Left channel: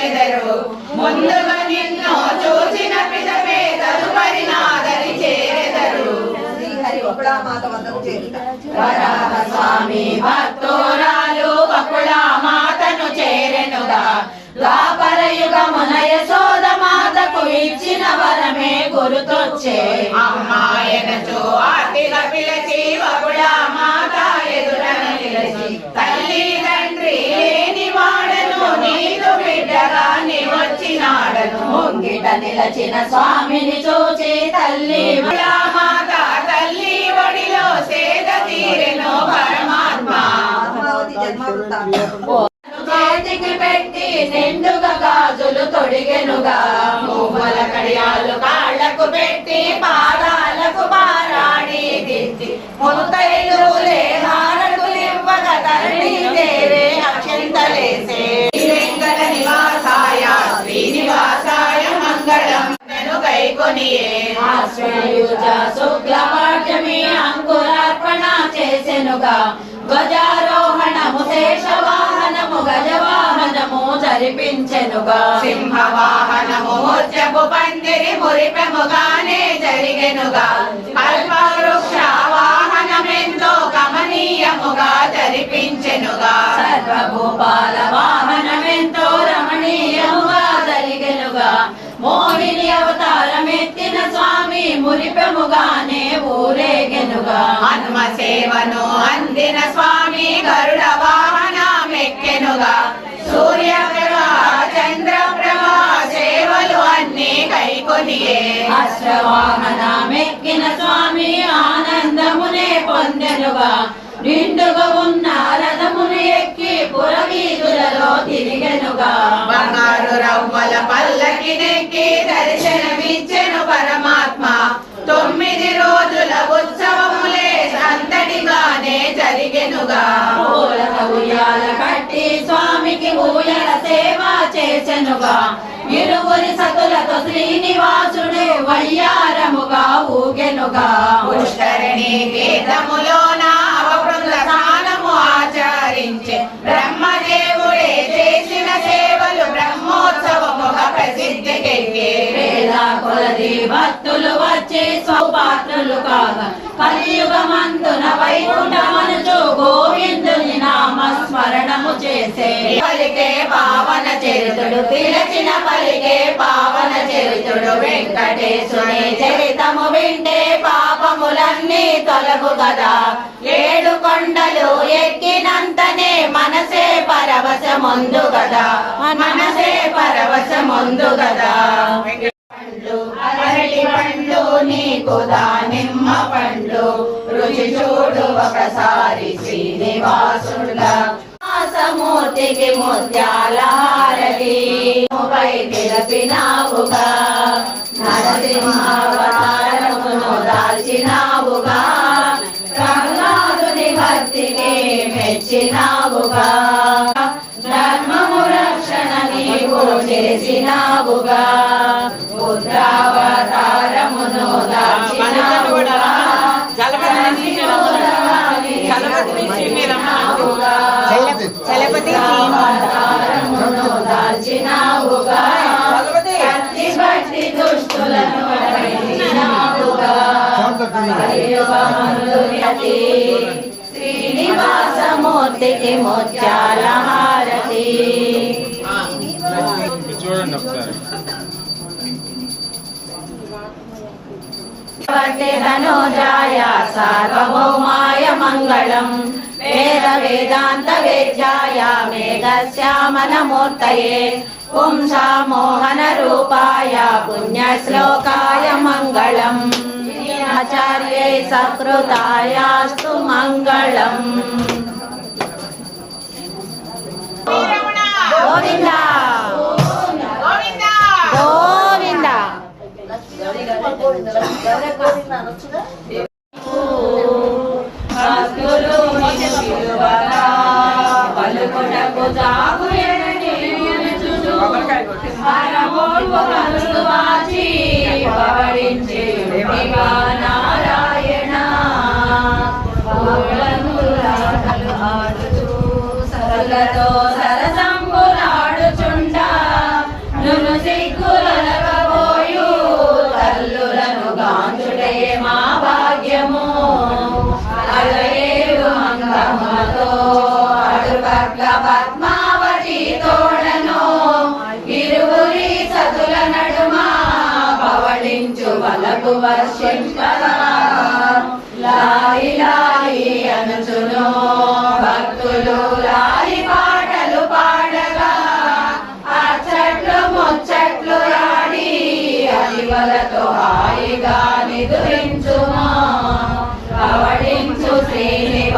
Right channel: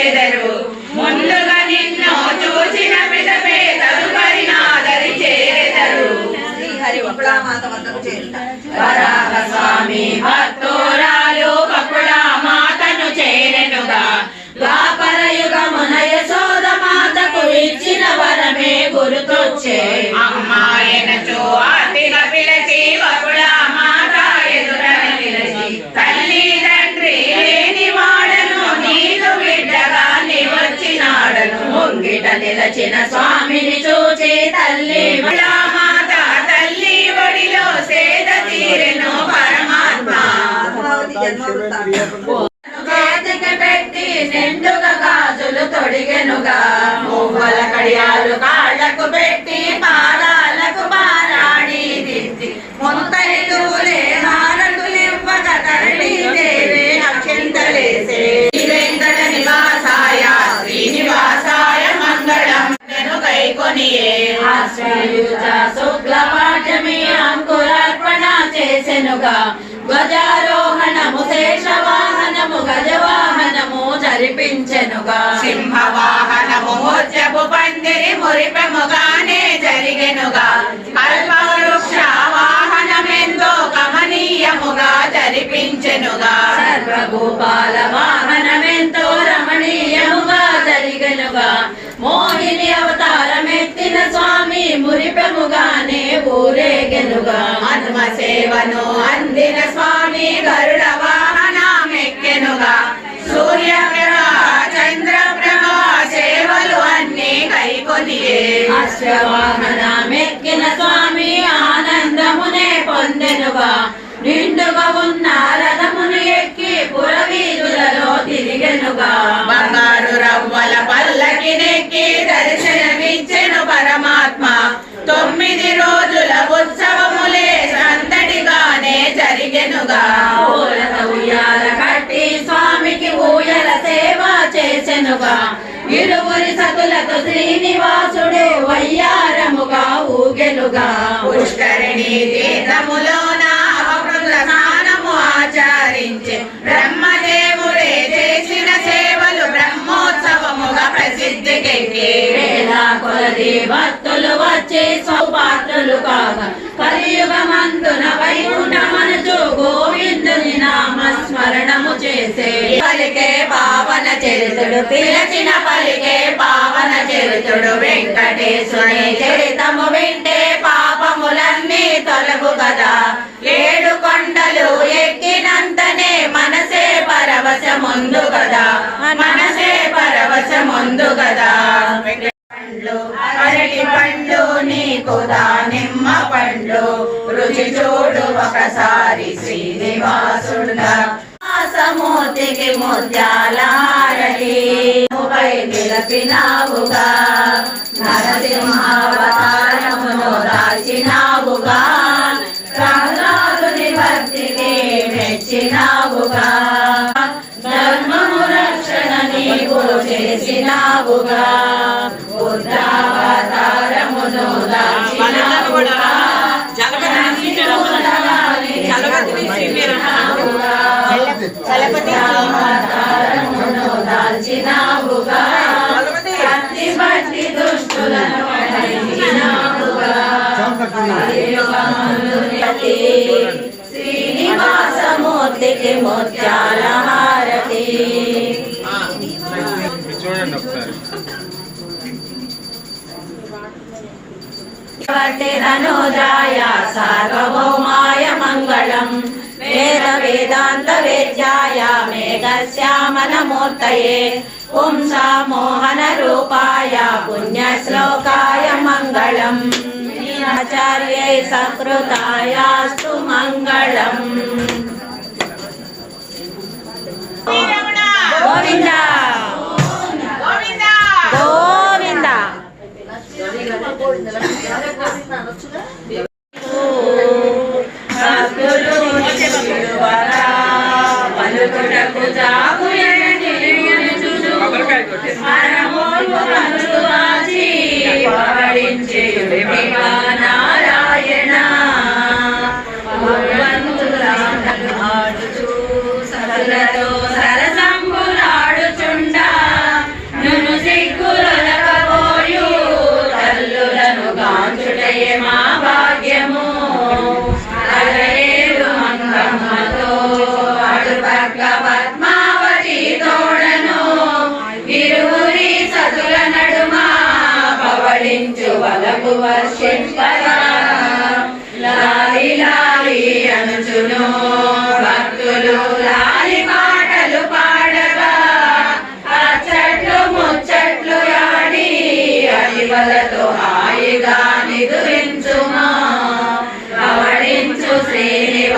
వచ్చెదరు. ముందుగా నిన్ను చూచిన పిదపే తదుపరి నాదరి చేరెదరు. శ్రీహరి బకుళామాత వద్దకు చేరుట. వరాహ స్వామి భక్తురాలు బకుళామాతను చేరెనుగా. ద్వాపర యుగమున యశోదమాతకు ఇచ్చిన వరమే గుర్తొచ్చే. అమ్మాయనచో ఆర్తిగా పిలిచి బకుళామాత ఎదురన నిలిచి, తల్లి తండ్రి లేని వాడను నీదు బిడ్డగా నీ వచ్చినాడను. ముంగిట నిలచిన స్వామిని చూచి తల్లి బకుళామాత తల్లి ఒడిలో సేద తీరెను పరమాత్మ. పద్మావతి జన్మ వృత్తాంతం. చేతికి పెట్టి నిండుగా గాజులు తొడిగెనుగా. మువ్వల కడియాలు కాళ్లకు పెట్టి పాదాలకు పారాడి దిద్ది, ముత్తైదులే హారతులివ్వగా తరలి దేవే అక్షింతలేసే. వెంకట నివాసాయ శ్రీనివాసాయ మంగళం కైకొనియే. ఆశ్రయుజ శుక్ల పాఠ్యమి అంకురార్పణ చేసెనుగా. ధ్వజారోహణము శేషవాహనము గజవాహనము జరిపించెనుగా. సింహవాహనము ముత్యపు పందిరి మురిపెముగానే జరిగెనుగా. కల్పవృక్ష వాహనమెంతో గమనీయముగా జరిపించెనుగా. సర్వభూపాల వాహనమెంతో రమణీయముగా జరిగెనుగా. మోహిని అవతారమెత్తిన స్వామి మురిపెముగానే ఊరేగెనుగా. హనుమ సేవను అందిన స్వామి గరుడ వాహనమెక్కెనుగా. సూర్యప్రభ చంద్రప్రభ సేవలు అన్ని కైకొనియే. అశ్వవాహనమెక్కిన స్వామి ఆనందమునే పొందెనుగా. నిండుగా ఉన్న రథమును ఎక్కి పురవీధులలో తిరిగెనుగా. బంగారు రవ్వల పల్లకినెక్కి దర్శనమిచ్చెను పరమాత్మ. 9 రోజుల ఉత్సవములే సందడిగానే జరిగెనుగా. పూలత ఉయ్యాల కట్టి స్వామికి ఊయల సేవ చేసెనుగా. ఇరువురి సతులతో శ్రీనివాసుడు వయ్యారముగా ఊగెనుగా. పుష్కరిణి తీర్థములోన అవకృత స్నానము ఆచరించే. బ్రహ్మదేవుడే చేసిన సేవలు బ్రహ్మోత్సవముగా ప్రసిద్ధికెక్కే. వేల కొలది భక్తులు వచ్చి స్వపాత్రులు కాగా. కలియుగమందున వైకుంఠమనుచు గోవిందుని నామస్మరణము చేసే. పలికే పావన చరితుడు పిలచిన పలికే పావన చరితుడు. వెంకటేశుని చరితము వింటే పాపములన్నీ తొలగు కదా. 7 కొండలు ఎక్కినంతనే మనసే పరవశముందు గదా. మనసే పరవశముందు గదా. పండ్లు అరటి పండ్లు నీకు దానిమ్మ పండ్లు రుచి చూడు ఒకసారి శ్రీనివాసుడా. సమూర్తికి ముత్యాల హారతి పై నిలపినావుగా. నరసింహావతారమును దాల్చినావుగా. ప్రహ్లాదుని భక్తికి మెచ్చినావుగా. ధర్మము రక్షణ నీవు చేసినావుగా. బుద్ధావతారమును దాల్చినావుగా. దాల్చినావుగా. కత్తి బట్టి దుష్టులను వధించినావుగా. శ్రీనివాసమూర్తికి ముత్యాల హారతి. చూడండి ఒకసారి. ధనుజాయ సార్వభౌమాయ మంగళం. వేద వేదాంత వేద్యాయ మేఘశ్యామలమూర్తయే. పుంసా మోహన రూపాయ పుణ్యశ్లోకాయ మంగళం. ఆచార్యై సకృతాయాస్తు మంగళం. గోవింద గోవింద గోవింద. పలుకుటకు జాగు పవడించేయుడిగా నారాయణ. సతులతో సరసంబులాడుచుండా వర్షింపగా లాలి లాలి అనుచును భక్తులు లాలి పాటలు పాడగా అచ్చట్లు ముచ్చట్లు ఆడి అలివలతో హాయిగా నిదురించుమా పవడించు శ్రీనివాస